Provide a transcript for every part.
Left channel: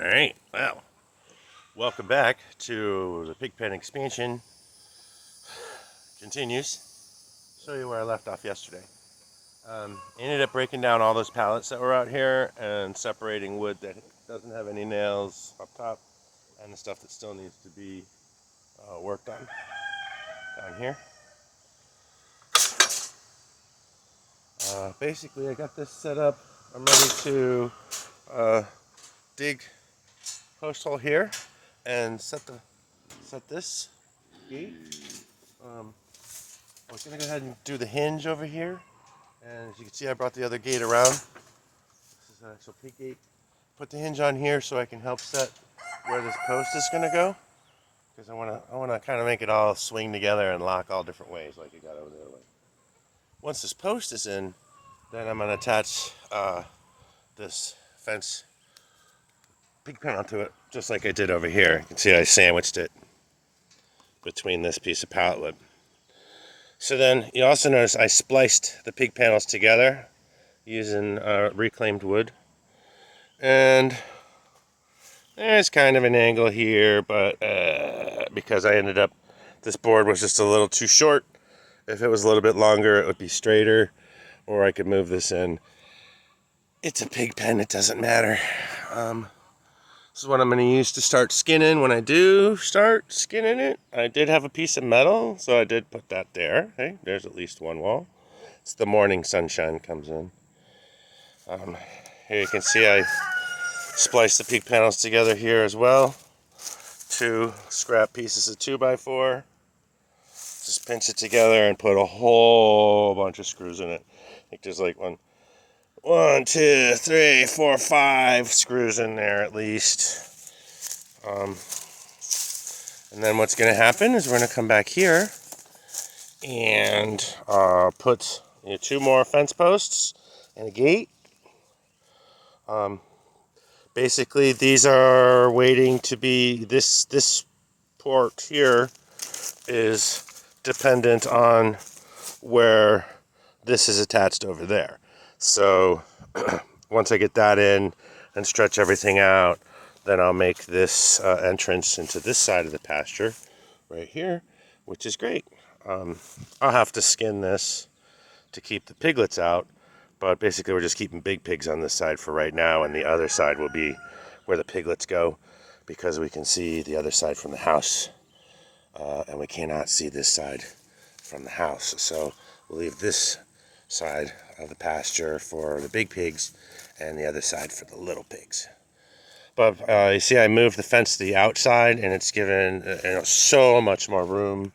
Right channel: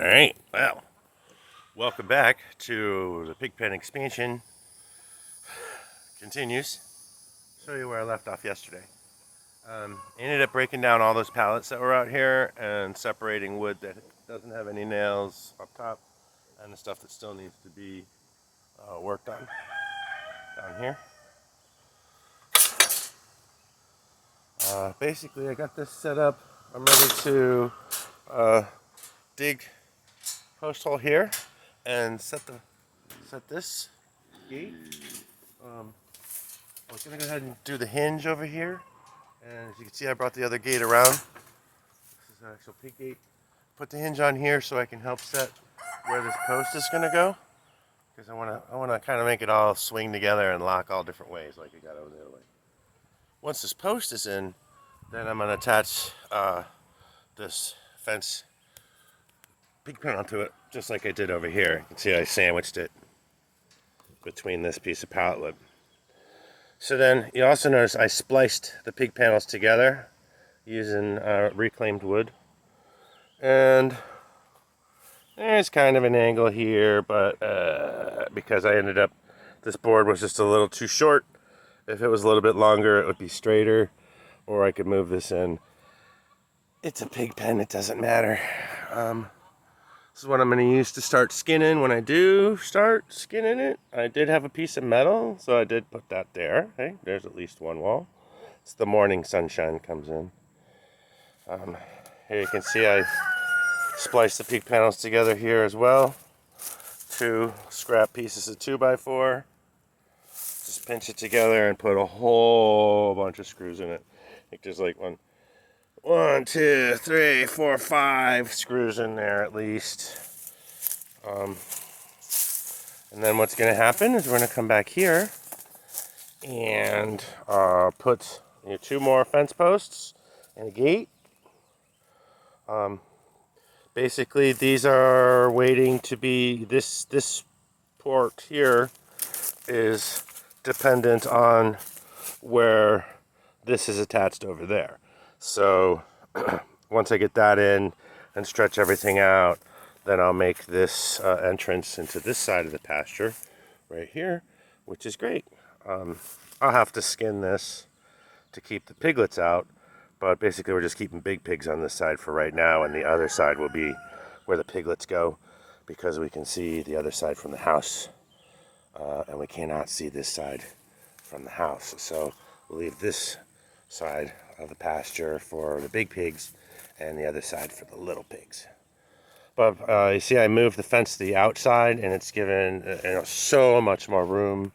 Alright, well, welcome back to the pigpen expansion. Continues. Show you where I left off yesterday. Ended up breaking down all those pallets that were out here and separating wood that doesn't have any nails up top and the stuff that still needs to be worked on down here. Basically, I got this set up. I'm ready to dig post hole here and set this gate. I was going to go ahead and do the hinge over here, and as you can see I brought the other gate around. This is an actual pig gate. Put the hinge on here so I can help set where this post is going to go, because I want to kind of make it all swing together and lock all different ways like it got over the other way. Once this post is in, then I'm going to attach this fence pigpen onto it, just like I did over here. You can see I sandwiched it between this piece of pallet wood. So then you also notice I spliced the pig panels together using reclaimed wood. And there's kind of an angle here, but because I ended up, this board was just a little too short. If it was a little bit longer, it would be straighter, or I could move this in. It's a pig pen, it doesn't matter. This is what I'm going to use to start skinning when I do start skinning it. I did have a piece of metal, so I did put that there. Hey, there's at least one wall. It's the morning sunshine comes in. Here you can see I spliced the pig panels together here as well. 2 scrap pieces of 2x4. Just pinch it together and put a whole bunch of screws in it. I think there's like 1, 2, 3, 4, 5 screws in there at least. And then what's going to happen is we're going to come back here and put 2 more fence posts and a gate. Basically, these are waiting to be, this port here is dependent on where this is attached over there. So once I get that in and stretch everything out, then I'll make this entrance into this side of the pasture right here, which is great. I'll have to skin this to keep the piglets out, but basically we're just keeping big pigs on this side for right now, and the other side will be where the piglets go, because we can see the other side from the house, and we cannot see this side from the house. So we'll leave this side of the pasture for the big pigs and the other side for the little pigs. But you see I moved the fence to the outside, and it's given so much more room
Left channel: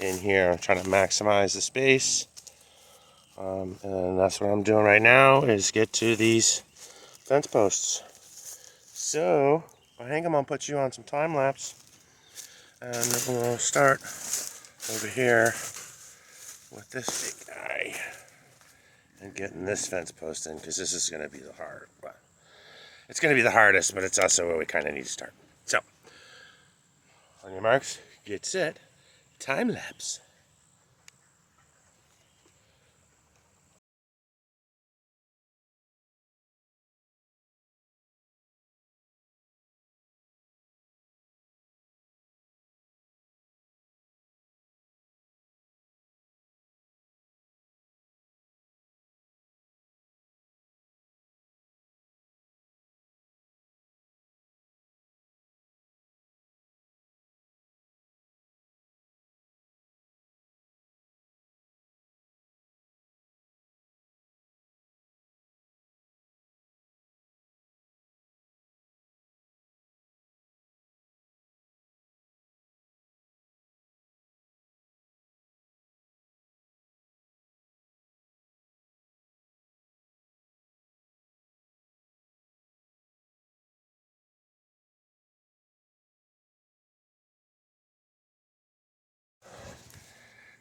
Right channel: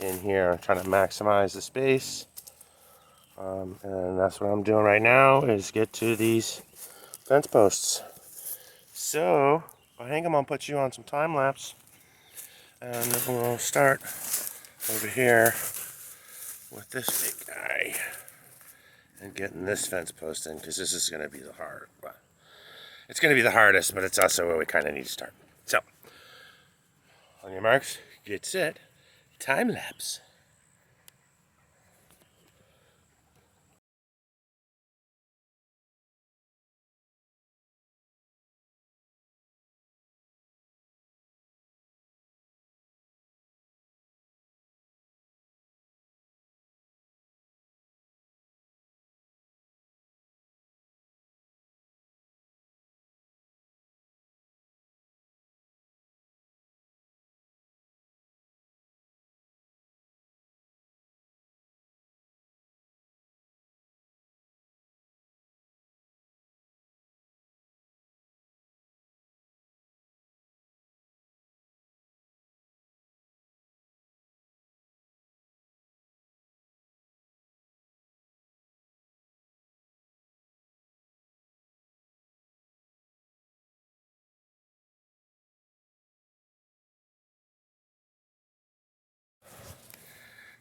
in here. I'm trying to maximize the space, and that's what I'm doing right now, is get to these fence posts. So I'll hang them, I'll put you on some time lapse, and we'll start over here with this big guy and getting this fence post in, because this is going to be the hard. Well, it's going to be the hardest, but it's also where we kind of need to start. So, on your marks, get set, time lapse.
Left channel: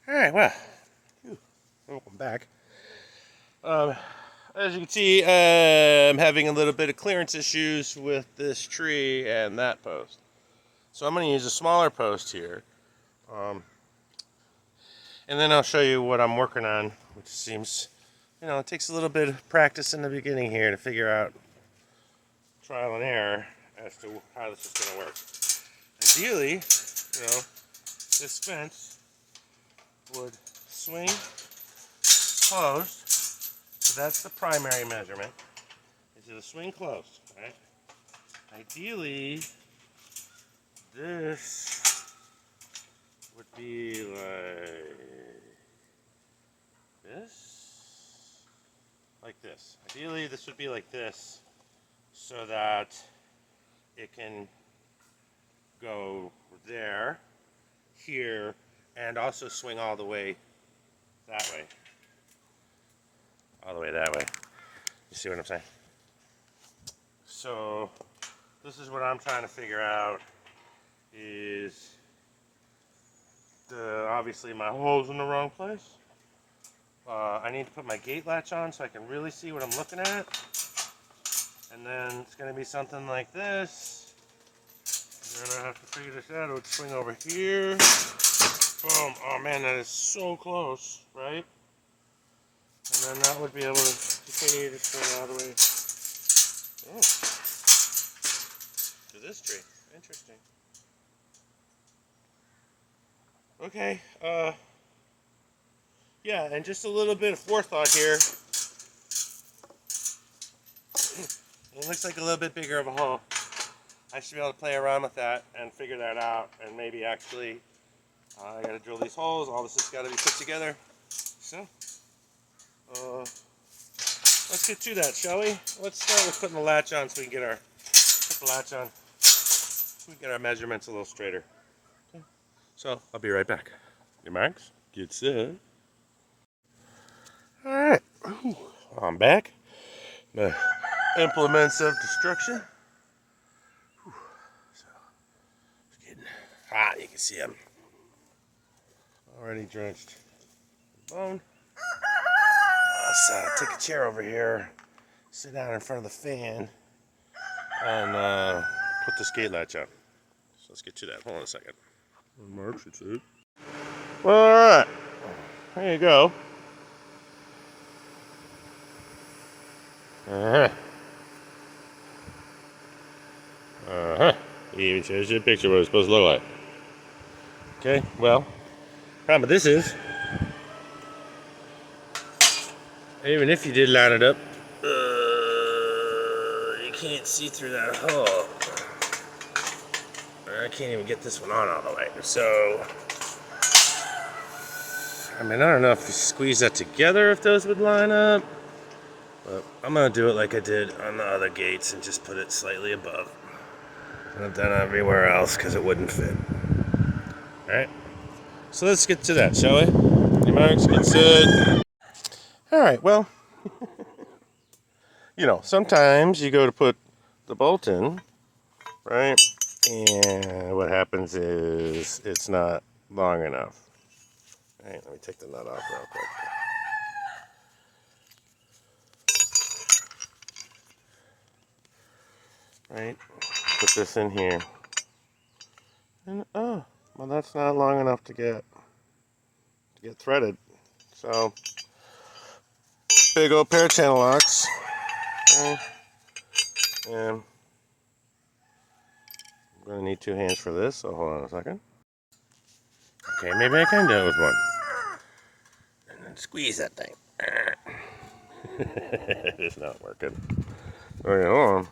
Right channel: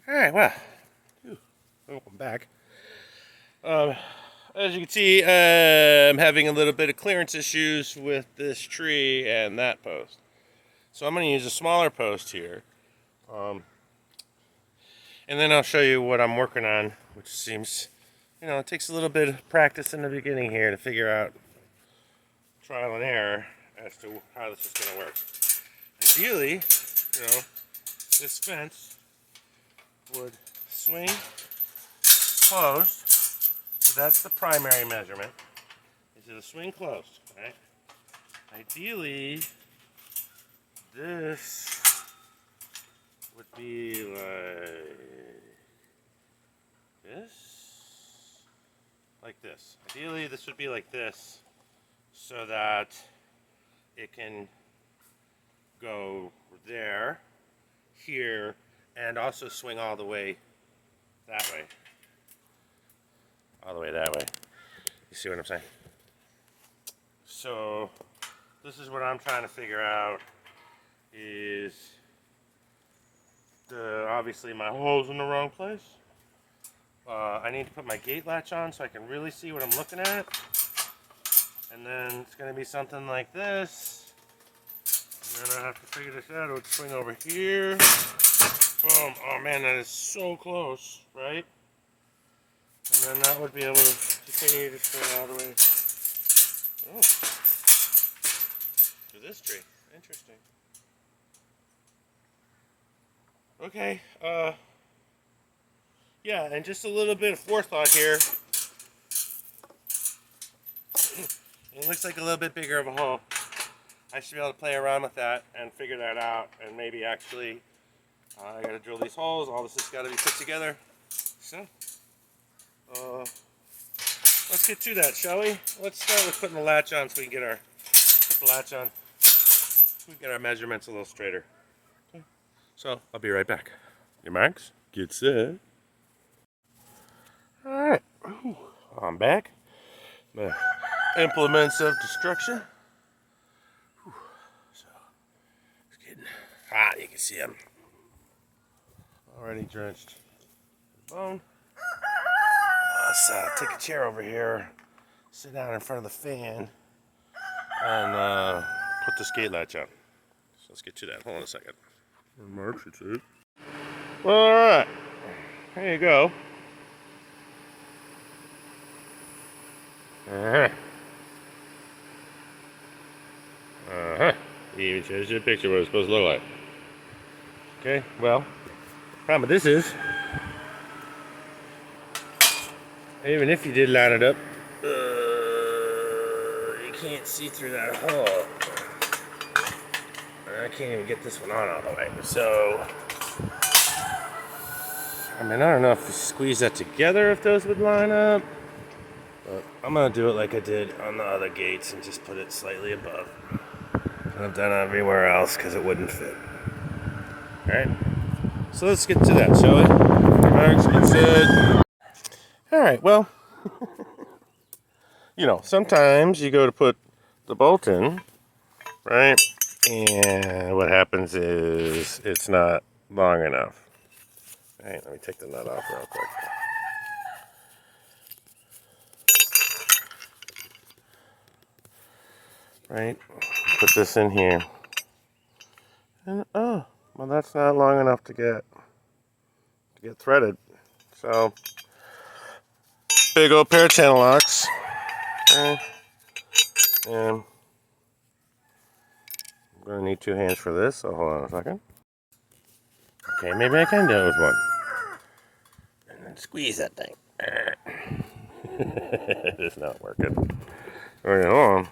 Alright, well, welcome back. As you can see, I'm having a little bit of clearance issues with this tree and that post. So I'm going to use a smaller post here. And then I'll show you what I'm working on, which seems, it takes a little bit of practice in the beginning here to figure out, trial and error, as to how this is going to work. Ideally, this fence would swing closed. So that's the primary measurement. Is it a swing closed, right? Ideally, this would be like this. Ideally, this would be like this, so that it can go there, here, and also swing all the way that way. All the way that way. You see what I'm saying? So this is what I'm trying to figure out is obviously my hole's in the wrong place. I need to put my gate latch on so I can really see what I'm looking at. And then it's going to be something like this. And then I have to figure this out. It would swing over here. Boom. Oh man, that is so close, right? And then that would be able to continue to swing all the way. Oh. To this tree. Interesting. Okay. Yeah, and just a little bit of forethought here. It looks like a little bit bigger of a hole. I should be able to play around with that and figure that out, and maybe actually I gotta drill these holes. All this has got to be put together. So, let's get to that, shall we? Let's start with putting the latch on so we can get our measurements a little straighter. Okay. So I'll be right back. Your marks, get set. All right, I'm back. My implements of destruction. So it's getting hot. You can see them already drenched to the bone. Let's take a chair over here, sit down in front of the fan, and put this gate latch on. So let's get to that. Hold on a second. Marks, it's it. Well, all right. There you go. He even shows you a picture of what it's supposed to look like. Okay, well, problem with this is, even if you did line it up, you can't see through that hole. I can't even get this one on all the way. So, I mean, I don't know if you squeeze that together, if those would line up. But I'm going to do it like I did on the other gates and just put it slightly above. And I've done it everywhere else because it wouldn't fit. Alright, so let's get to that, shall we? Marks, get set. Alright, well, sometimes you go to put the bolt in, right? And what happens is it's not long enough. Alright, let me take the nut off real quick. Right, put this in here, and well, that's not long enough to get threaded. So, big old pair of channel locks, and I'm gonna need 2 hands for this. So hold on a second. Okay, maybe I can do it with one, and then squeeze that thing. It is not working. Okay, hold on.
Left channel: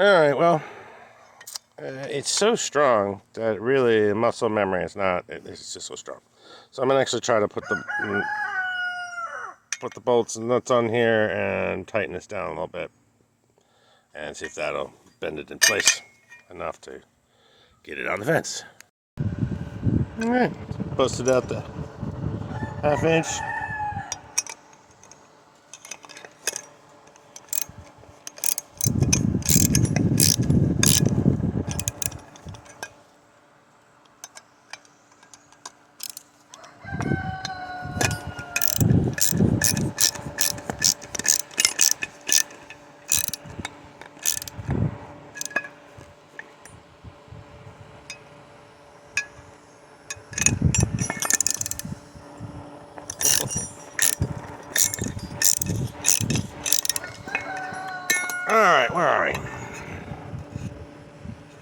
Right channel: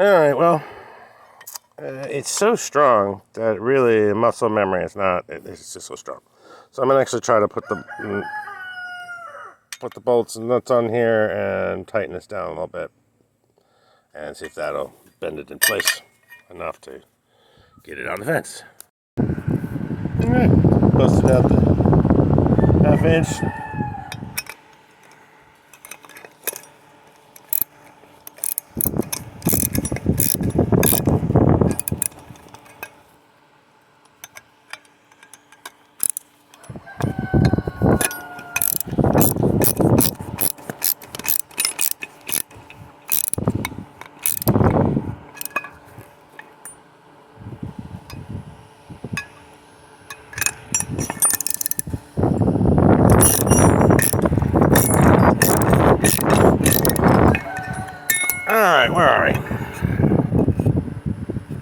Alright, well, it's so strong that really muscle memory is not, it's just so strong. So I'm going to actually try to put the bolts and nuts on here and tighten this down a little bit. And see if that'll bend it in place enough to get it on the fence. Alright, busted out the 1/2 inch.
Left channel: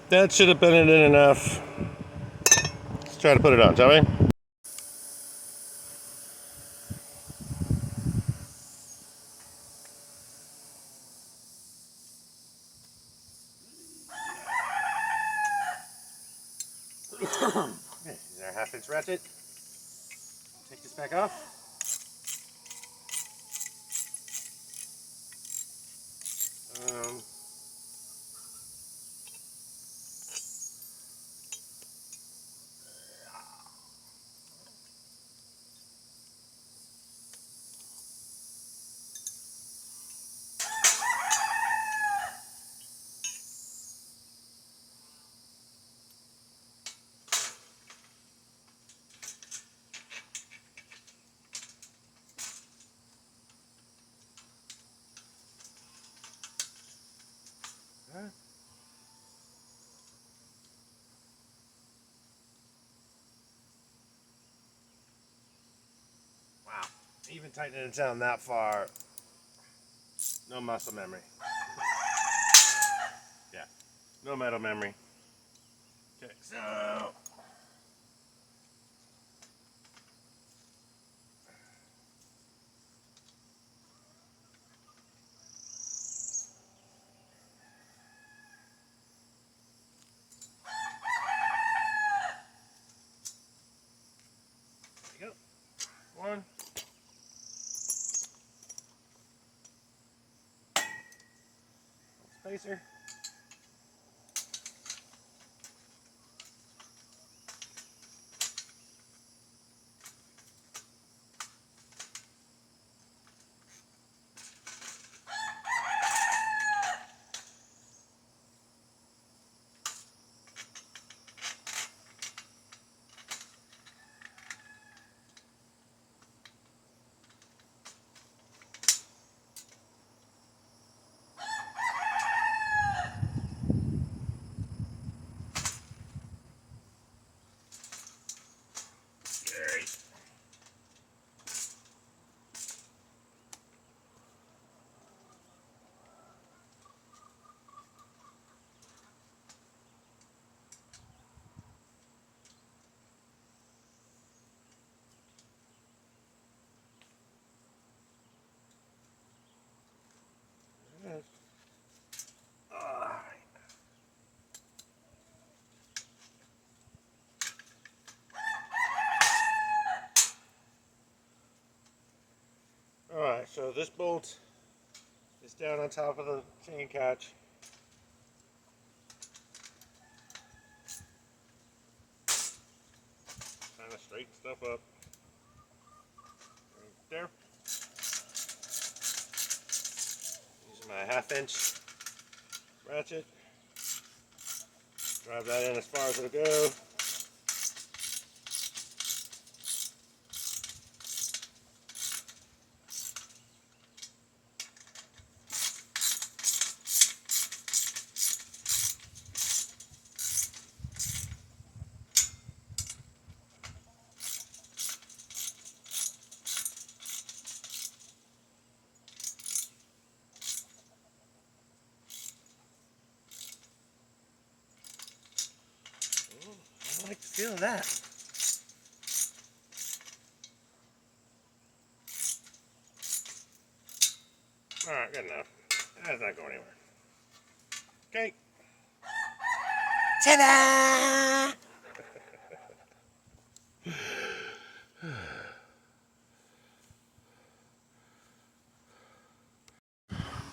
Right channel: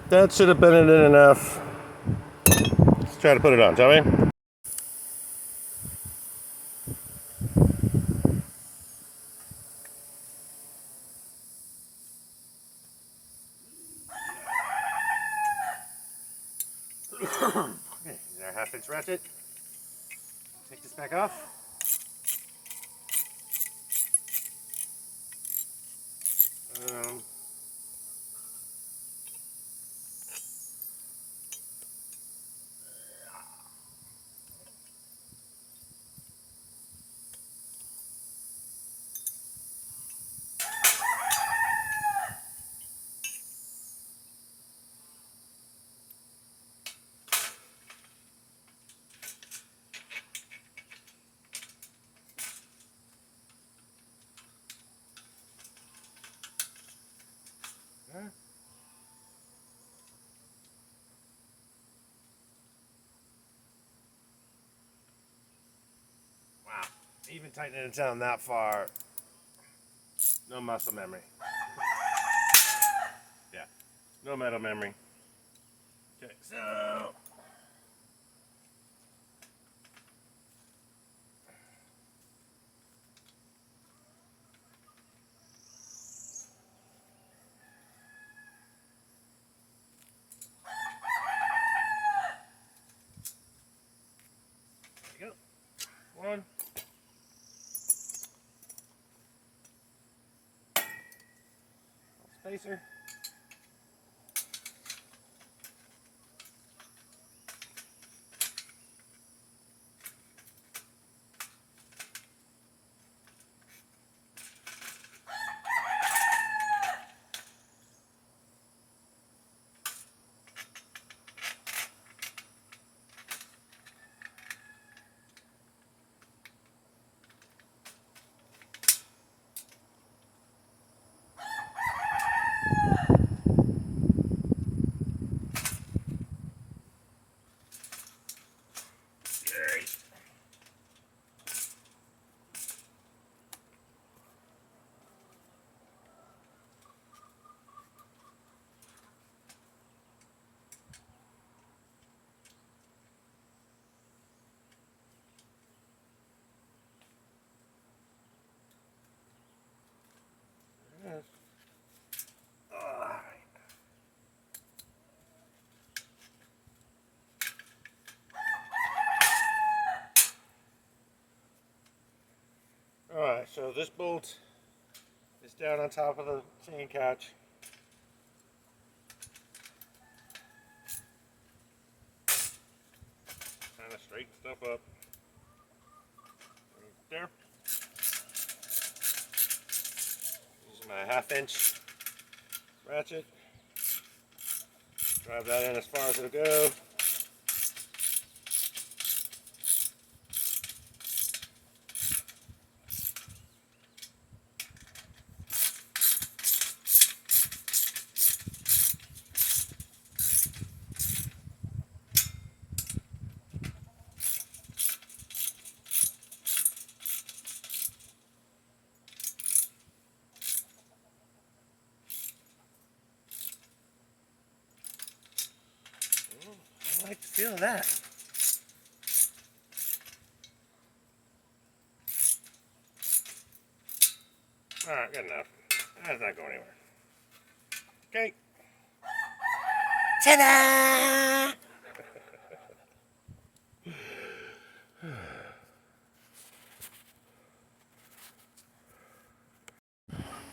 That should have been it in enough. Let's try to put it on, shall we? Okay, here's our half-inch ratchet. Take this back off. Wow, even tightening it down that far, no muscle memory. Yeah, no metal memory. Okay, so there you go. One. Spacer. Alright, so this bolt is down on top of the chain catch. Kind of straighten stuff up. Right there. Using my 1/2-inch ratchet. Drive that in as far as it'll go. I like the feel of that. Alright, good enough. That's not going anywhere. Okay. Ta-da!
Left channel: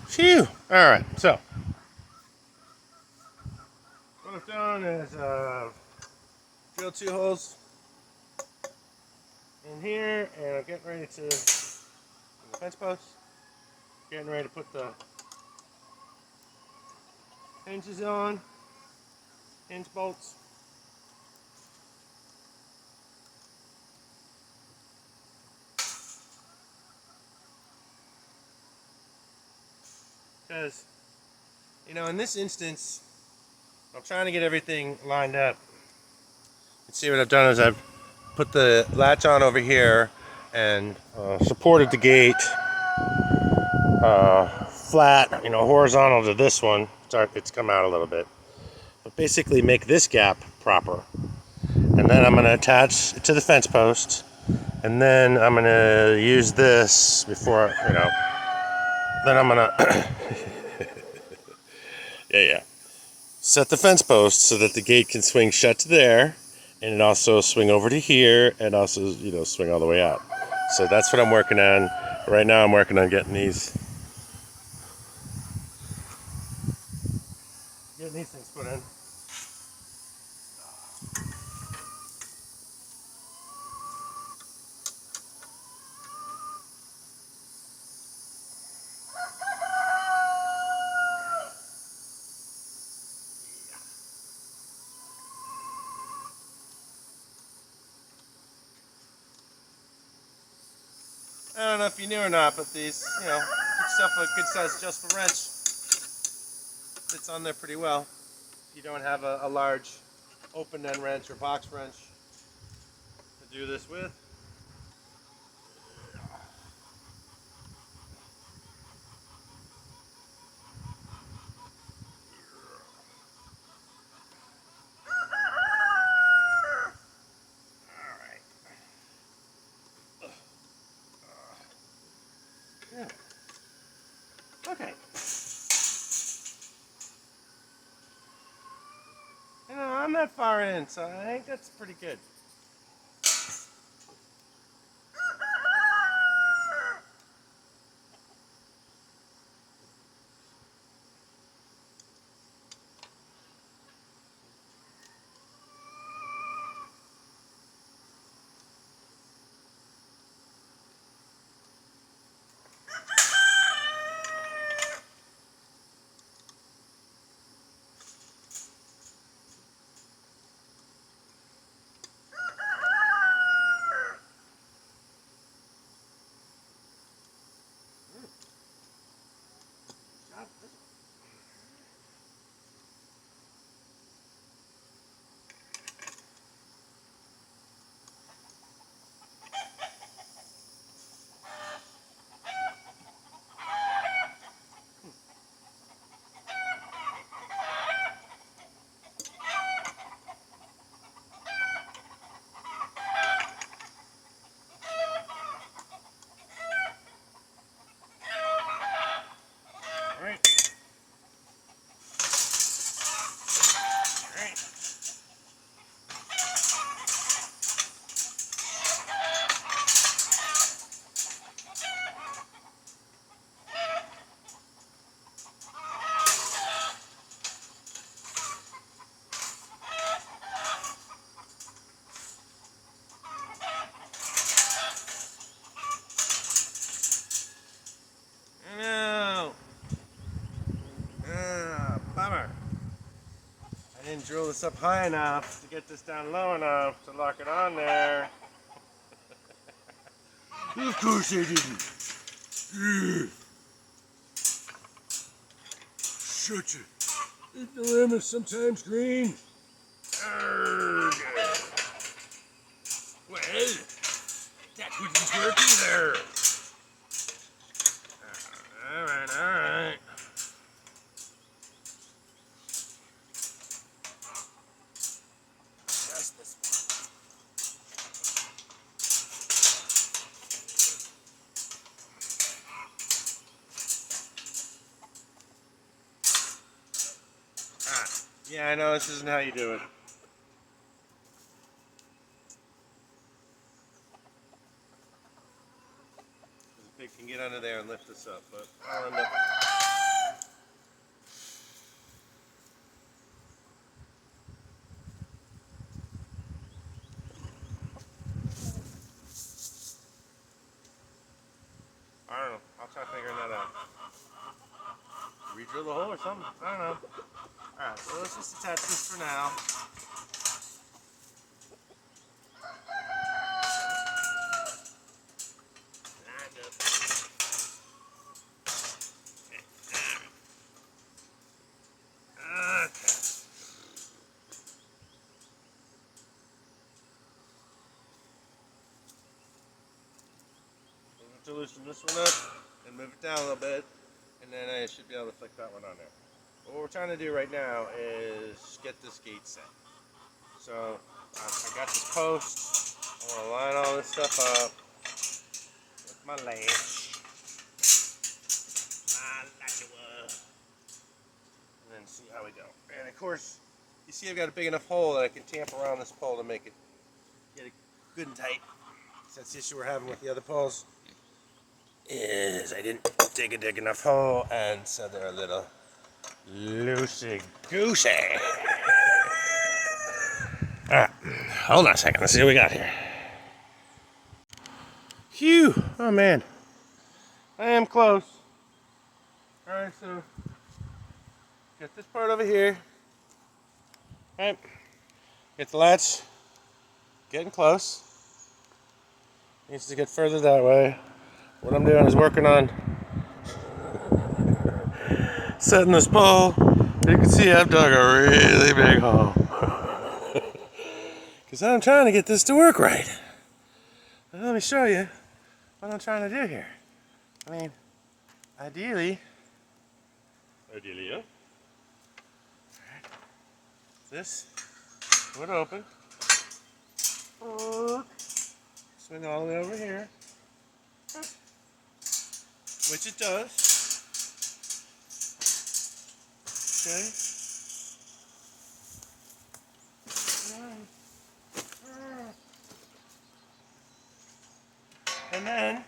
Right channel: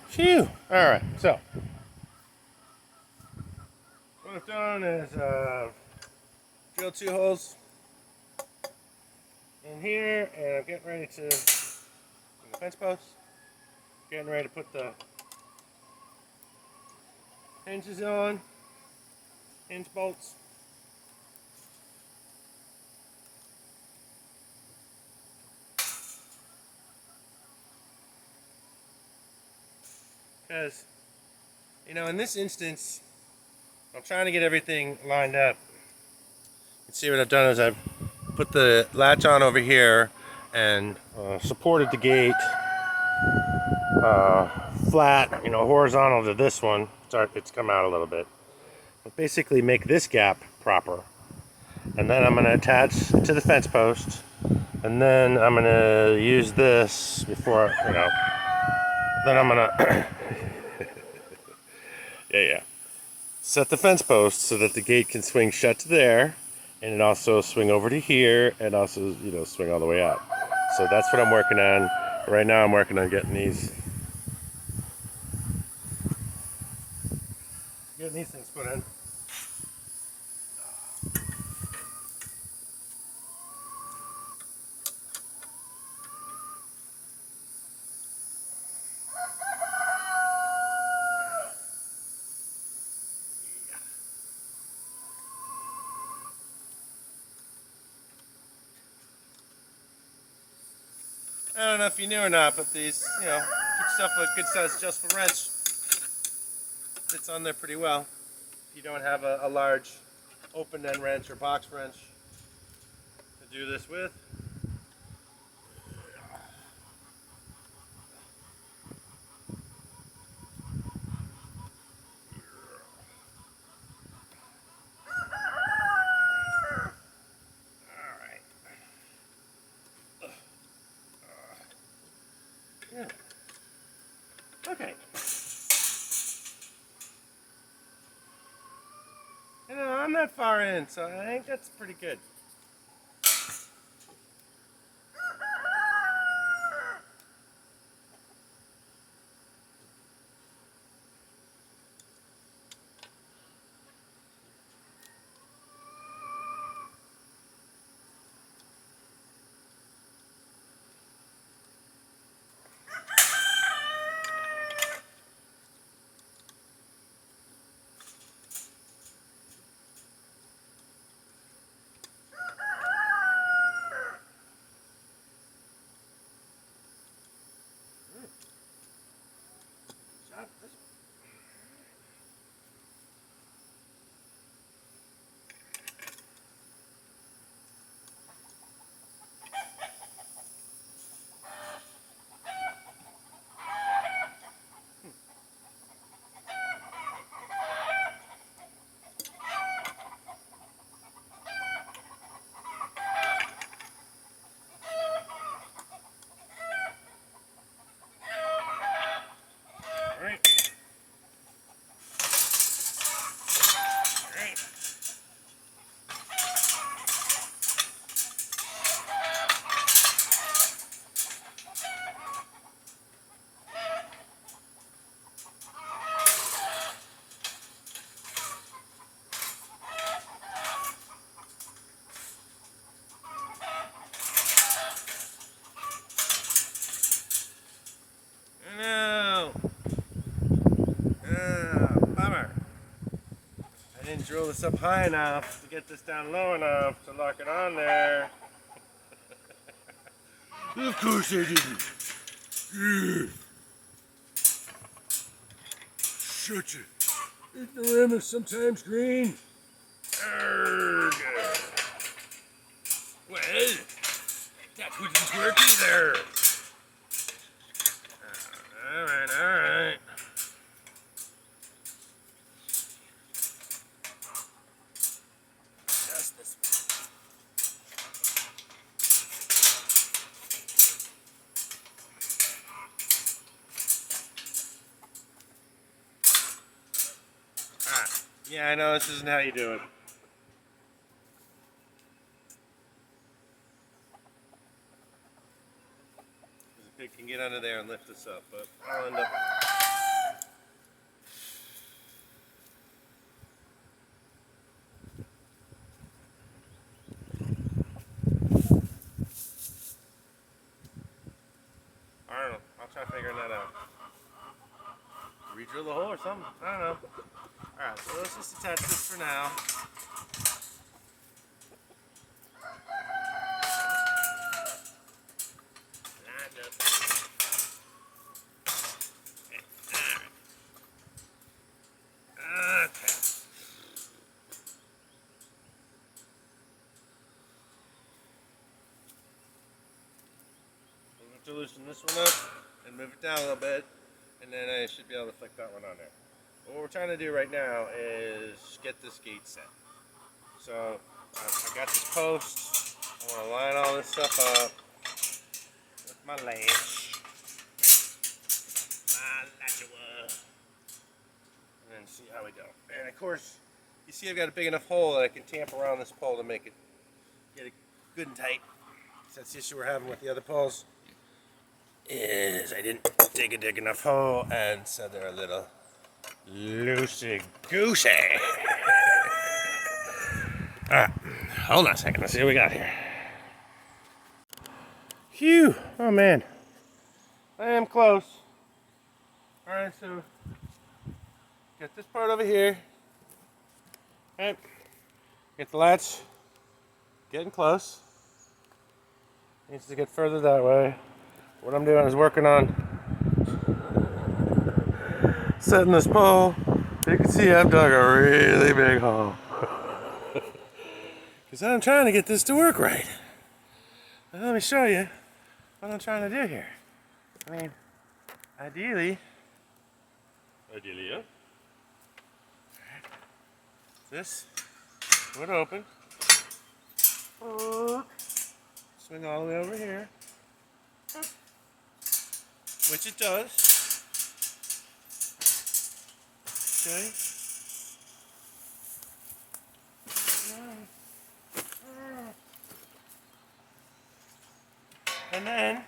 Phew! Alright, so what I've done is drilled 2 holes in here, and I'm getting ready to, in the fence post, getting ready to put the hinges on, hinge bolts. Because, you know, in this instance, I'm trying to get everything lined up. You see what I've done is I've put the latch on over here and supported the gate flat, you know, horizontal to this one. it's come out a little bit. But basically make this gap proper. And then I'm going to attach to the fence post. And then I'm going to use this before, then I'm going to, yeah. Set the fence post so that the gate can swing shut to there. And it also swing over to here and also, swing all the way out. So that's what I'm working on. Right now I'm working on getting these things put in. I don't know if you knew or not, but these, good stuff, a good size adjustable wrench fits on there pretty well. You don't have a large open end wrench or box wrench to do this with. Yeah. Okay. I'm not far in, so I think that's pretty good. All right. No. Bummer. I didn't drill this up high enough to get this down low enough to lock it on there. Of course I didn't. Such a dilemma, sometimes green. Arrgh. Well, that wouldn't work either. Alright. Just this one. Yeah, I know this isn't how you do it. The pig can get under there and lift this up, but I'll end up. I don't know. I'll try figuring that out. Re-drill the hole or something? I don't know. Alright, so let's just attach this for now. To loosen this one up and move it down a little bit, and then I should be able to flick that one on there. What we're trying to do right now is get this gate set. So I got this post. I want to line all this stuff up with my latch. And then see how we go. And of course, you see I've got a big enough hole that I can tamp around this pole to make it get it good and tight. So that's the issue we're having with the other poles. Is I didn't dig a big enough hole, and so they're a little loosey-goosey. Alright, hold on a second. Let's see what we got here. Phew! Oh man. I am close. Alright, so got this part over here. Alright. Get the latch. Getting close. Needs to get further that way. What I'm doing is working on setting this pole. You can see I've dug a really big hole. Because I'm trying to get this to work right. Now, let me show you what I'm trying to do here. I mean, ideally, yeah. This would open. Swing all the way over here. Which it does. Okay. And then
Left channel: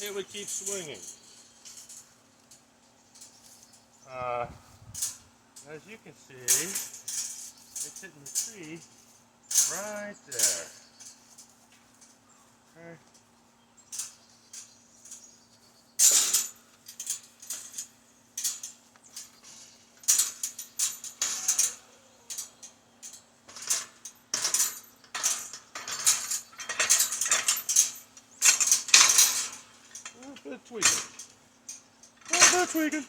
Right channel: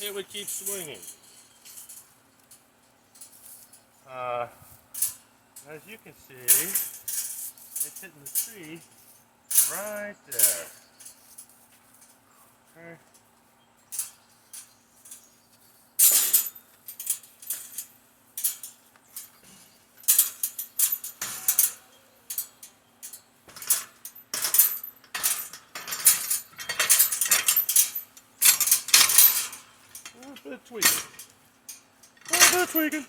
it would keep swinging. As you can see, it's hitting the tree right there. Okay. A little bit of tweaking. A little bit of tweaking.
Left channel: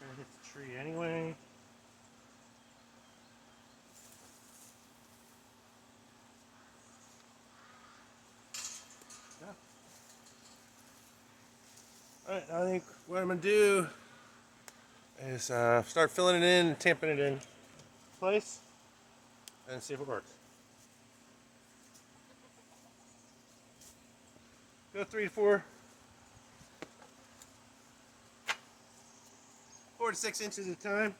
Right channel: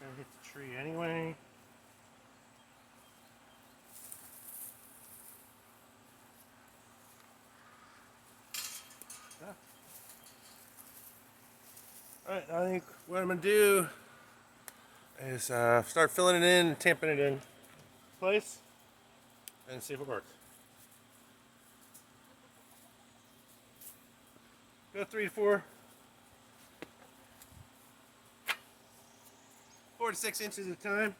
Gonna hit the tree anyway. Alright, I think what I'm gonna do is start filling it in and tamping it in place and see if it works. Go 3 to 4 to 6 inches at a time.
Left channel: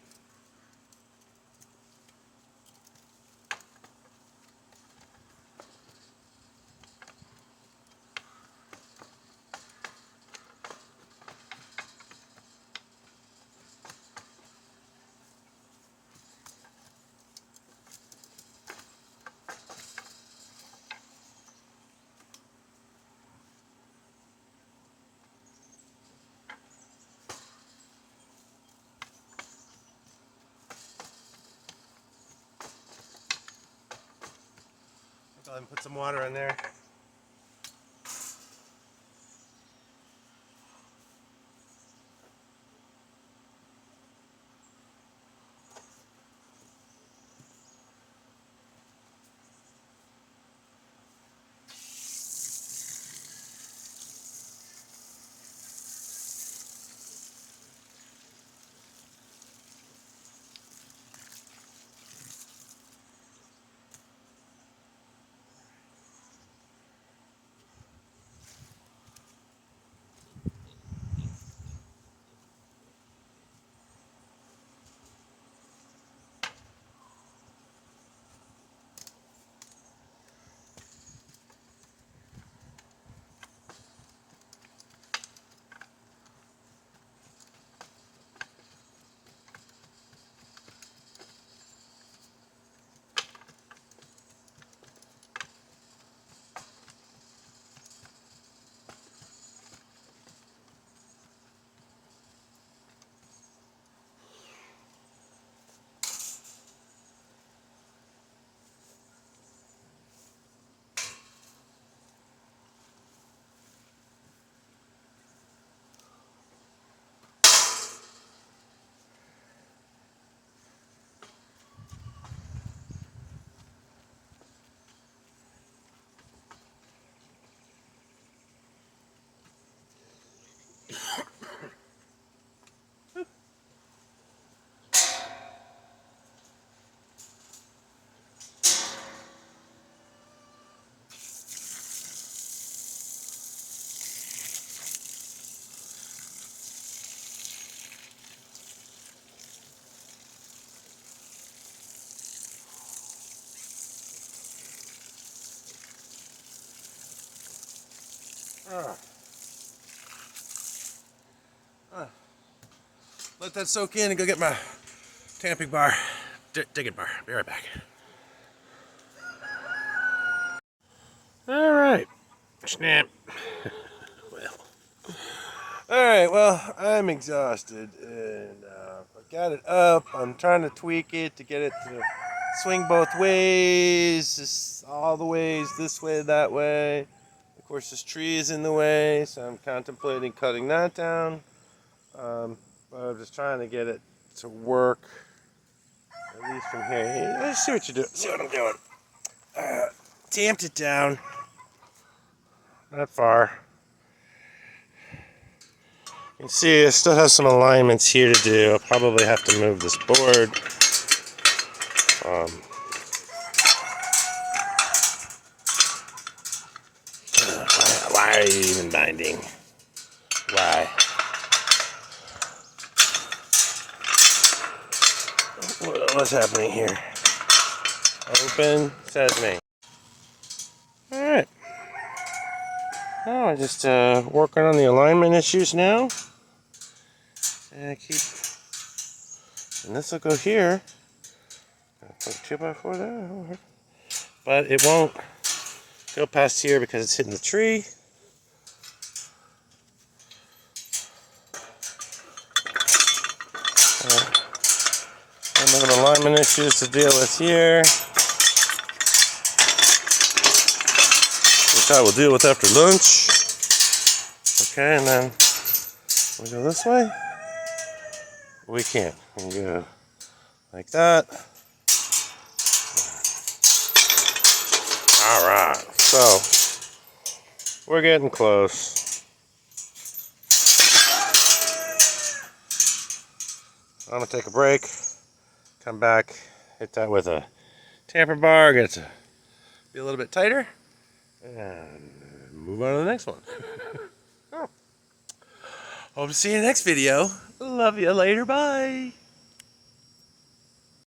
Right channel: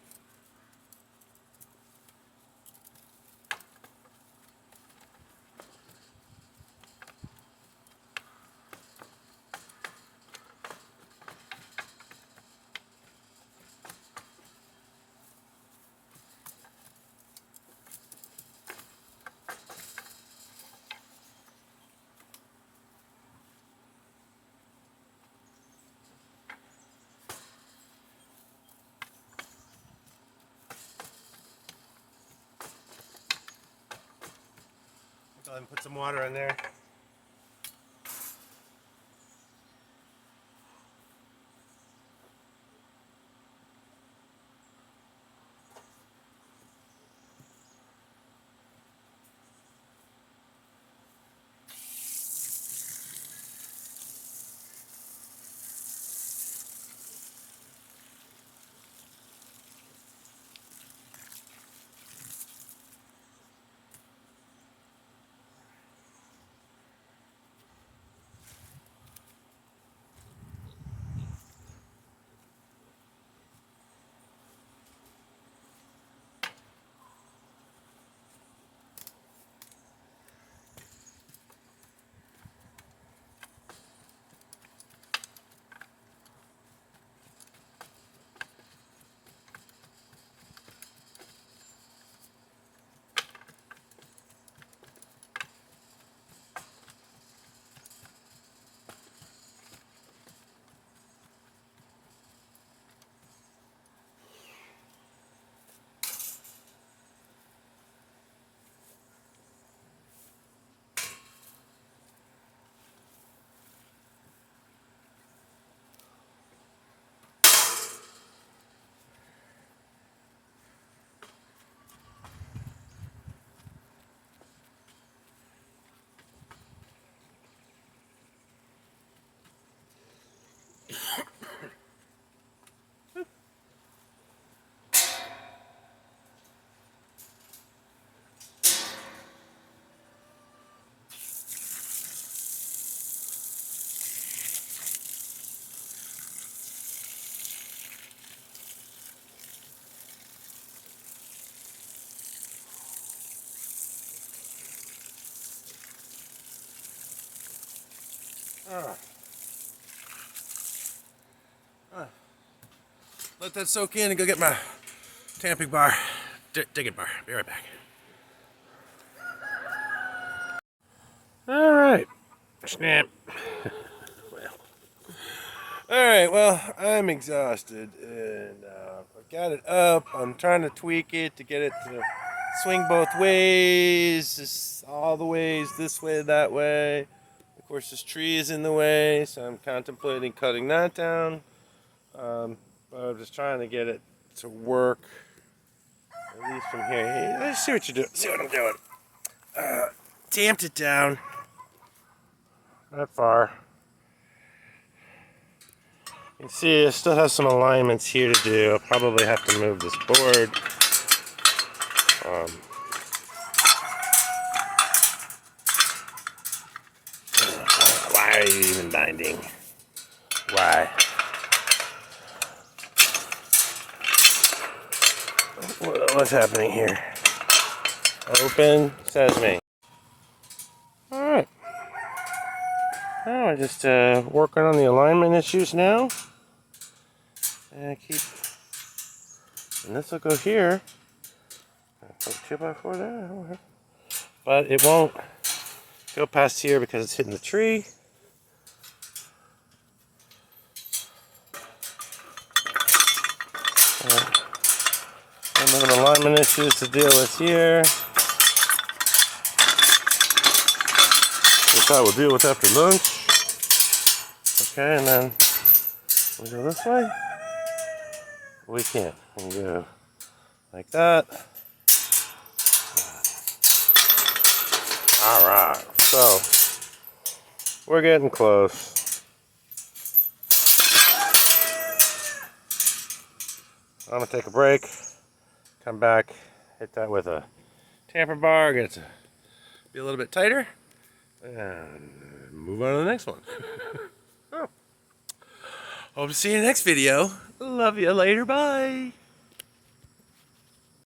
Go ahead and put some water in there. Let that soak in and go get my tamping bar, digging bar. Be right back. All right, snap. All right, well, I'm exhausted, and I got it up. I'm trying to tweak it to get it to swing both ways, just all the ways, this way, that way. Of course, this tree is in the way, so I'm contemplating cutting that down. But I'm just trying to get it to work, at least from here. Let's see what you do. See what I'm doing. Tamped it down. Not far. You can see I still have some alignments here to do. I'll probably have to move this board. Why are you even binding? Why? What's happening here? Open sesame. Alright. Now I'm just working on the alignment issues now. And I keep. And this will go here. Put a 2x4 there. But it won't go past here because it's hitting the tree. And we have alignment issues to deal with here, which I will deal with after lunch. Okay, and then we go this way. We can't. We go like that. All right, so we're getting close. I'm gonna take a break, come back, hit that with a tamper bar, get it to be a little bit tighter, and move on to the next one. Oh. Hope to see you in the next video. Love you later, bye.